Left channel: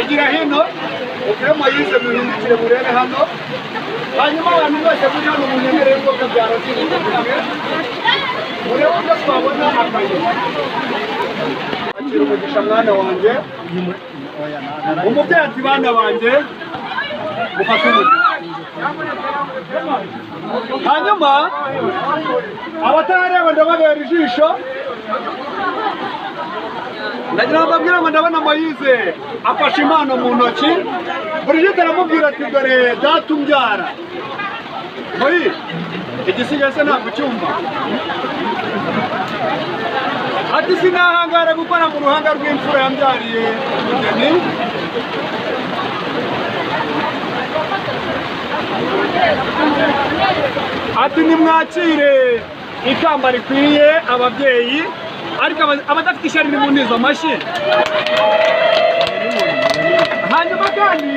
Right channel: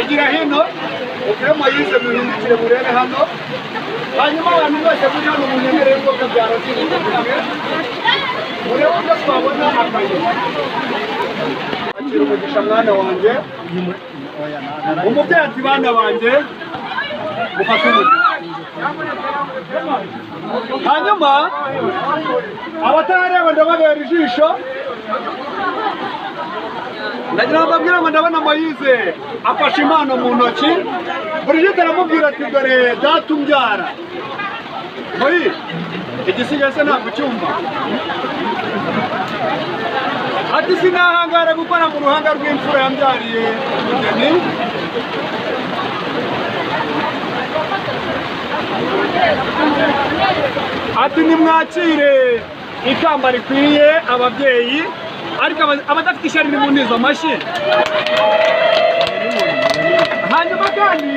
Igira hino ukiremo yize muhindukire murebe hano hanyuma abantu bose muri hano munyemerere ko kabyara cy'ubukungu murebe uko twabona akayira akira umugisha mwana wanjye umubyeyi ati bana banjye mufate umugisha hanyuma abatarareba ndababera ijisho ndagira ngo mbabwire ngo ndabona Moyize afashe impano mu ntoki Brigitte aramubwira ati dore data umbyara Moyize igisigaye se ntabwo cyumva ati sinahangara gukora mu ruhanga rw'imfura yambyariye umugeni ati nimwakire ikamba rikwiye ababyeyi ariko abadafite ishyari ni munizo amashyi hanyuma kandi